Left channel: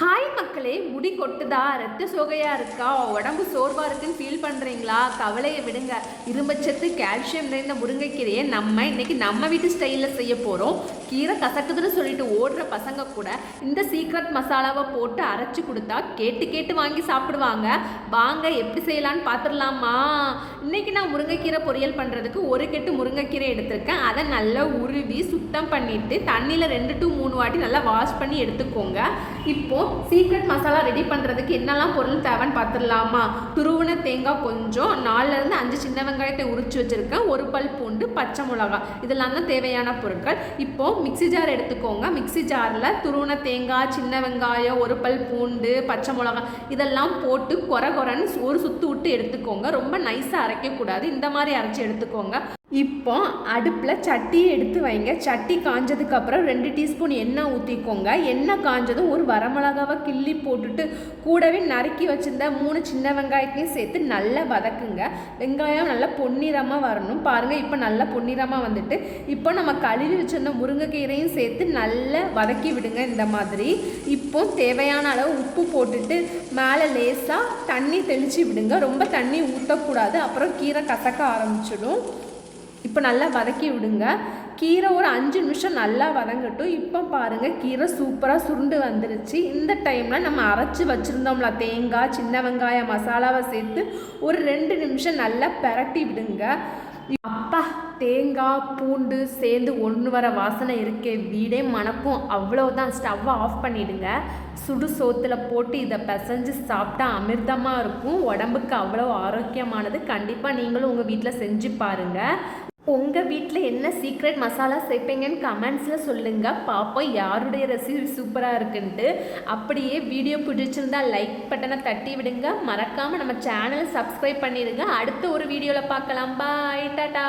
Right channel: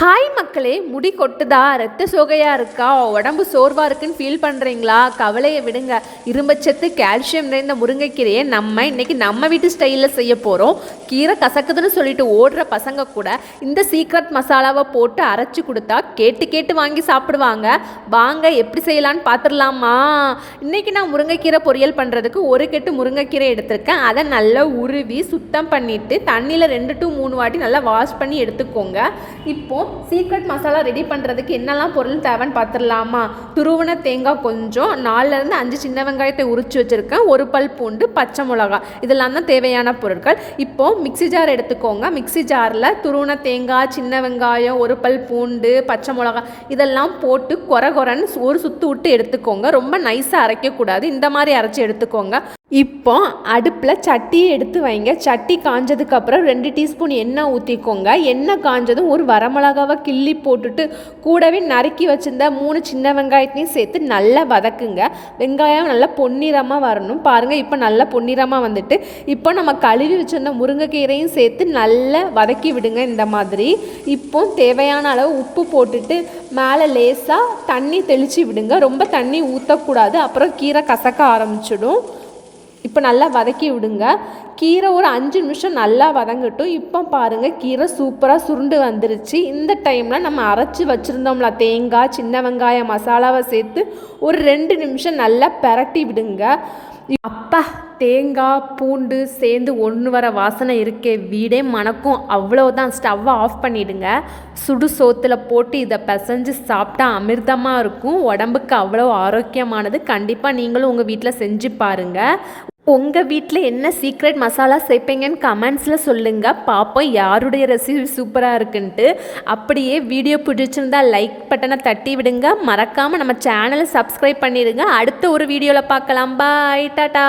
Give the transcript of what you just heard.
Hi மக்களே, முடி கொட்டுதா, ரத்த சோகையாக இருக்கா, உடம்பு சோர்வாக இருக்குன்னு ஃபீல் பண்ணுறீங்களா? கவலையை விடுங்க. இரும்பச்சத்து கால்சியம் நிறைந்த முருங்கைக்கீரையை நம்ம வீட்டு ஸ்டைலில் செய்ய போகிறோம். கீரை கசக்குதுன்னு சொல்லிட்டு ஓடுற பசங்க கூட இந்த சீக்ரெட் மசாலாவை போட்டு அரைச்சி கொடுத்தா கேட்டு கேட்டு வாங்கி சாப்பிடுவாங்க. வாங்க எப்படி செய்யலான்னு பார்த்துடலாமா? இன்றைக்கி நான் முருங்கைக்கீரை பொரியல் பண்ணுறதுக்கு ஒரு கெட்டு முருங்கைக்கீரை எடுத்திருக்கேன். அதை நல்லா உருவி சுத்தம் பண்ணிவிட்டு தண்ணியில் 2 to 3 வாட்டி நல்லா வாஷ் பண்ணி எடுத்துக்கோங்க. இப்போது சீக்ரெட் மசாலா ரெடி பண்ணுறதுக்கு என்னெல்லாம் பொருள் தேவைன்னு பார்த்துடலாமா? துருவன தேங்காய் கொஞ்சம், 4 to 5 சின்ன வெங்காயத்தை உரிச்சு வச்சுருக்கேன், 1 பல் பூண்டு, பச்சை மிளகாய், இதெல்லாம் தான் தேவையான பொருட்கள். இப்போது மிக்சி ஜார் எடுத்துக்கோங்க. மிக்சி ஜாரில் துருவன தேங்காய், சின்ன வெங்காயம், 1 பல் பூண்டு, பச்சை மிளகாய் இதெல்லாம் போட்டு கொரன்னு ஒரு சுற்று விட்டு எடுத்துக்கோங்க. ரொம்ப நைஸாக அரைக்கக்கூடாது, இந்த மாதிரி அரைச்சி எடுத்துக்கோங்க. இப்போ அடுப்பில் சட்டியை எடுத்து வைங்க. சட்டி காஞ்சதுக்கப்புறம் 2 டீஸ்பூன் எண்ணெய் ஊற்றிக்கோங்க. எண்ணெய் காஞ்சதும் ஒரு வரமிளகாவை கிள்ளி போட்டுட்டு கூடவே நறுக்கி வச்சுருந்த 3 சின்ன வெங்காயத்தையும் சேர்த்து நல்லா வதக்குங்க. வெங்காயம் நல்லா பொன்னிறமாக வரணும். பாருங்கள், இப்போ நல்லா பொன்னிறமாக வந்துட்டு இப்போ நம்ம கழுவி வச்சுருந்த முருங்கைக்கீரையும் சேர்த்து நல்லா வதக்கி விடுங்க. இந்த மாதிரி இப்போ தேவையான அளவு உப்பு போட்டுட்டு மேலே லேசாக தண்ணி தெளித்து விடுங்க. ரொம்ப தண்ணி ஊற்றக்கூடாது, அப்புறம் கீரை கசக்க ஆரம்பிச்சிடும். இப்போ நல்லா வதக்கி விடுங்க. கீரை ஒரு 5 நிமிஷம் நல்லா வதங்கட்டும். இப்போ பாருங்கள், கீரை சூப்பராக சுருண்டு வந்துருச்சு. இந்த டைமில் நம்ம அரைச்சி வச்சுருந்தோம்ல தேங்காய், சின்ன வெங்காயம் மசாலாவை சேர்த்து ஒரு 2 நிமிஷம் நல்லா பிரட்டி விடுங்க. அப்பா, தேங்காய் பூண்டு சேர்ந்து ஒன்று வர வாசனை இருக்கே, வீடே மணக்கும். அவ்வளோதான். ஸ்டவ்வை ஆஃப் பண்ணிவிடுங்க. சுடு சோத்தில் போட்டு இதை பிசைஞ்சு சாப்பிட்டா அமிர்தமாக இருக்கும். உடம்புக்கு அவ்வளோ ஆரோக்கியமானது. கண்டிப்பாக நீங்களும் உங்கள் வீட்டில் செஞ்சு பாருங்கள். உங்கள் வீட்டில் என்ன சீக்ரெட் மசாலா சேர்ப்பீங்கன்னு கமெண்ட்ஸில் சொல்லுங்கள். பார்ப்போம் யாருடைய ரெசிபி சூப்பராக இருக்குன்ட்டு. அப்படியே வீடியோ பிடிச்சிருந்தா லைக் பட்டனை தட்டி விடுங்க. மறக்காமல் நம்ம சேனலை சப்ஸ்கிரைப் பண்ணிடுங்க. அடுத்த ஒரு வீடியோவில் பார்க்கலாம். பாய், டாடா.